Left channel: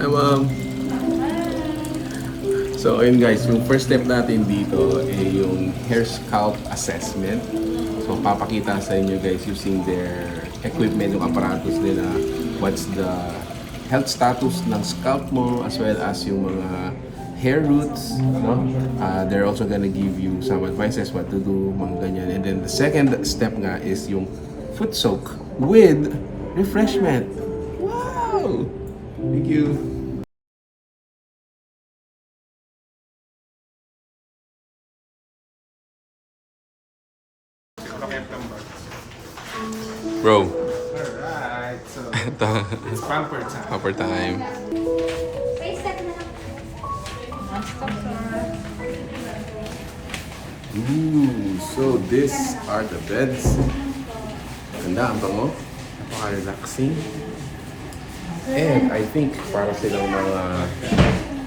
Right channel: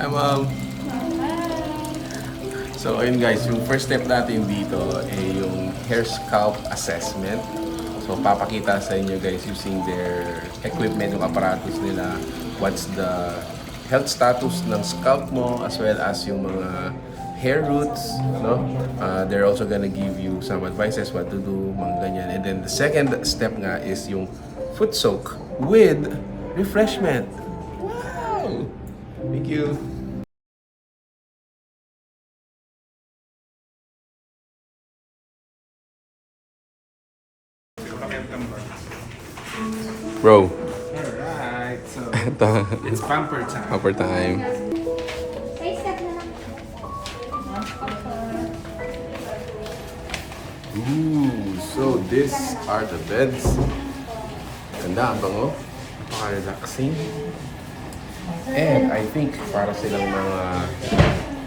Hi, Mom. So, ayun guys, yung first step natin dito ay yung hair scalp assessment. So, papakita sa inyo guys using their equipment, yung apparatus nila, what's the health status ng scalp mo as well as yung mga hair roots, no? They're also gonna give you some advices what to do, mga ganyan. And then the second step nga is yung foot soak with refreshment. Wow! Thank you. Bro, Alright, so ito. it's pamper time. Upper time. Ooh, so these are the beds. Ganda, ang bango. Napaka-relaxing. And I think para silang mga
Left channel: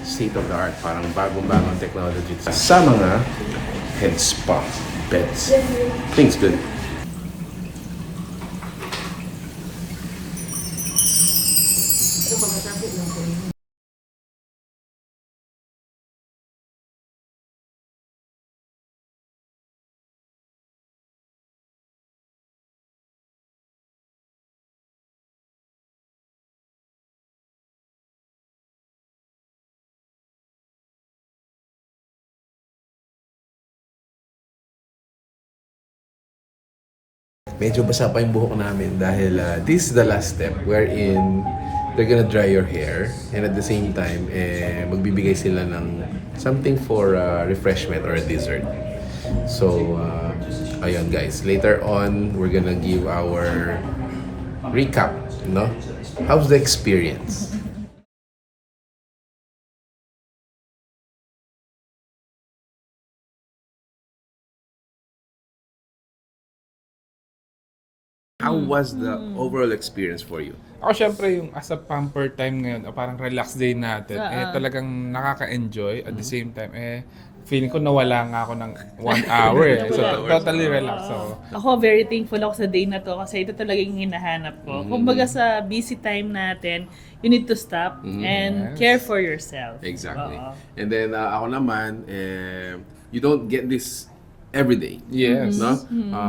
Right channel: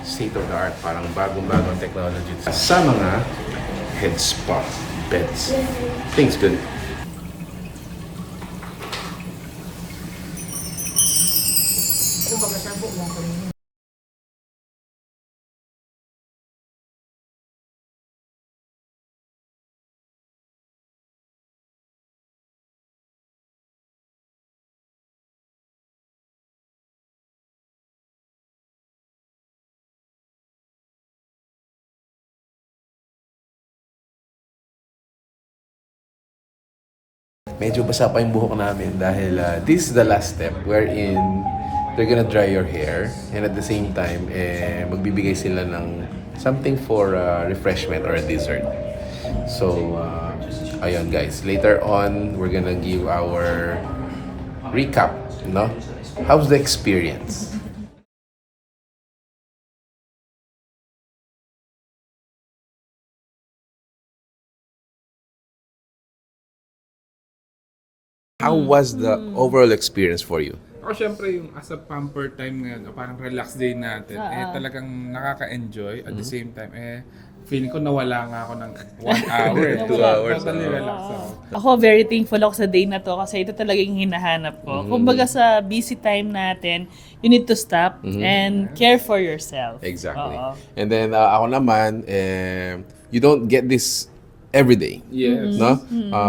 state-of-the-art, parang bagong-bagong technology sa mga head spa beds. Things good. Medyo basa pa yung buhok namin dahil this is the last step wherein they're gonna dry your hair and at the same time, magbibigay sila ng something for refreshment or a dessert. So, ayun guys, later on, we're gonna give our recap, no? How's the experience? How was the overall experience for you? Ako syempre yung as a pamper time ngayon, o parang relax day natin, talagang nakaka-enjoy at the same time, feeling ko nawala nga ako ng 1 hour eh. So, totally relax ako. Ako very thankful ako sa day na to kasi ito talaga yung hinahanap ko. Kumbaga sa busy time natin, you need to stop and care for yourself. Exactly. Oo. And then ako naman, you don't get this every day. Yes. No?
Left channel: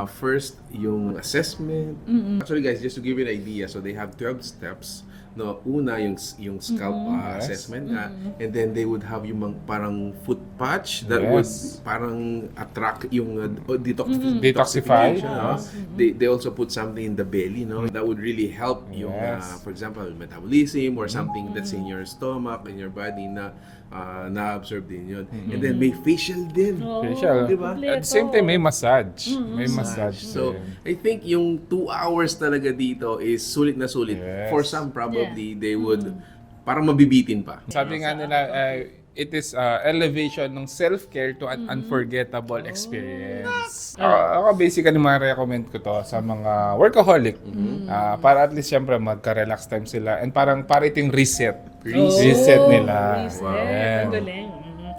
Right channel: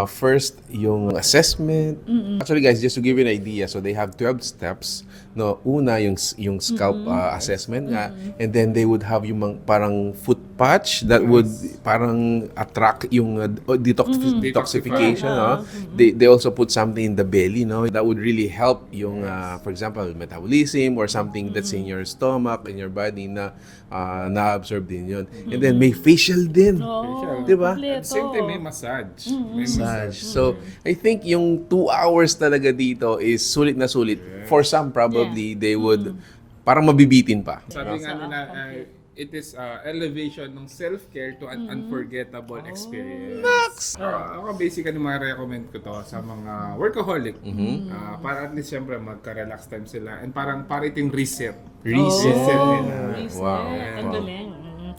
First, yung assessment. Actually guys, just to give you an idea, so they have 12 steps. No, una yung scalp assessment nga, and then they would have yung parang foot patch that would parang attract yung detoxification. No? They also put something in the belly, no, that would really help yung for example metabolism or something that's in your stomach, in your body na na-absorb din yun. And then may facial din. Facial. Diba? At the same time, may massage. May massage. So, I think yung 2 hours talaga dito is sulit na sulit. For some, probably, they would parang mabibitin pa. Sabi nga nila, it is elevation ng self-care to an unforgettable experience. Ako basically ma-recommend ko to sa mga workaholic. Para at least syempre magka-relax time sila and parang para ito yung reset. Reset nila. Reset. Ang galing.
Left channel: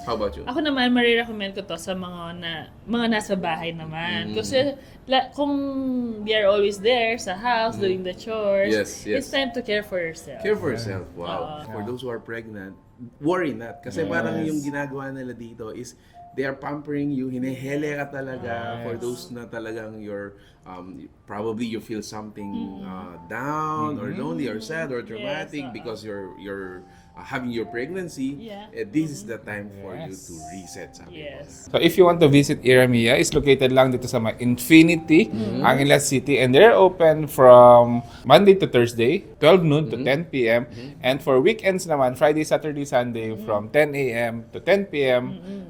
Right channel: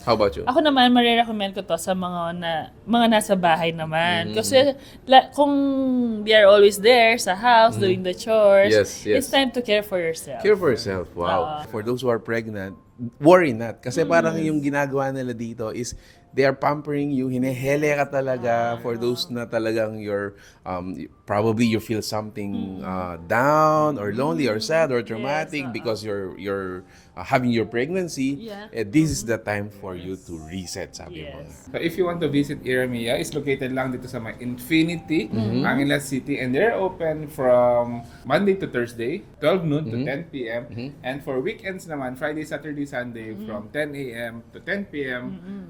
How about you? Ako naman, marirecommend ko to sa mga nasa bahay naman. Kasi kung they are always there sa house, doing the chores, Yes, yes. it's time to care for yourself. Care for yourself. Wow. For those who are pregnant, worry not. Kasi parang yung ginagawa nila dito is they are pampering you, hinehele ka talaga for those na talagang you're, probably you feel something down or lonely or sad or traumatic because you're having your pregnancy. This is the time for you to reset, sabi mo. So if you want to visit Iremia, it's located lang dito sa may Infinity, Angeles City, and they're open from Monday to Thursday, 12 noon to 10 p.m. And for weekends naman, Friday, Saturday, Sunday, from 10 a.m. to 10 p.m.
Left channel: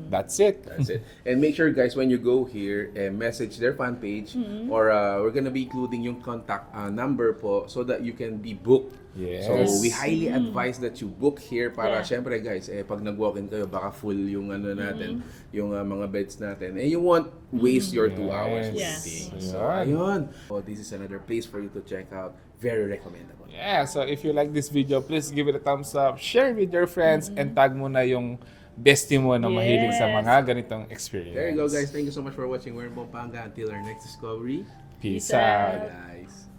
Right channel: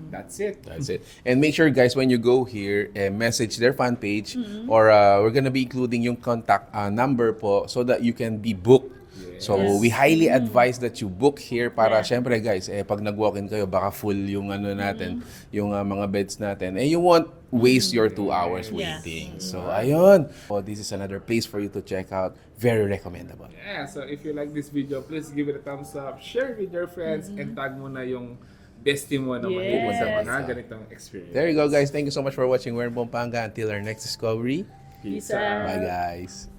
That's it. That's it. And make sure guys, when you go here, message their fan page or we're gonna be including yung contact number po so that you can be booked. Yes. So we highly advise that you book here para syempre guys, pag nag-walk-in kayo baka full yung ano natin, yung mga beds natin. You won't waste your 2 hours waiting. So ayun. So this is another place for you to check out. Very recommendable. Yeah, so if you like this video, please give it a thumbs up, share with your friends, and tag mo na yung bestie mo na mahilig sa mga ganitong experience. There you go guys. Thank you so much for watching We're in Pampanga. Until our next discovery. Peace out. Bye guys.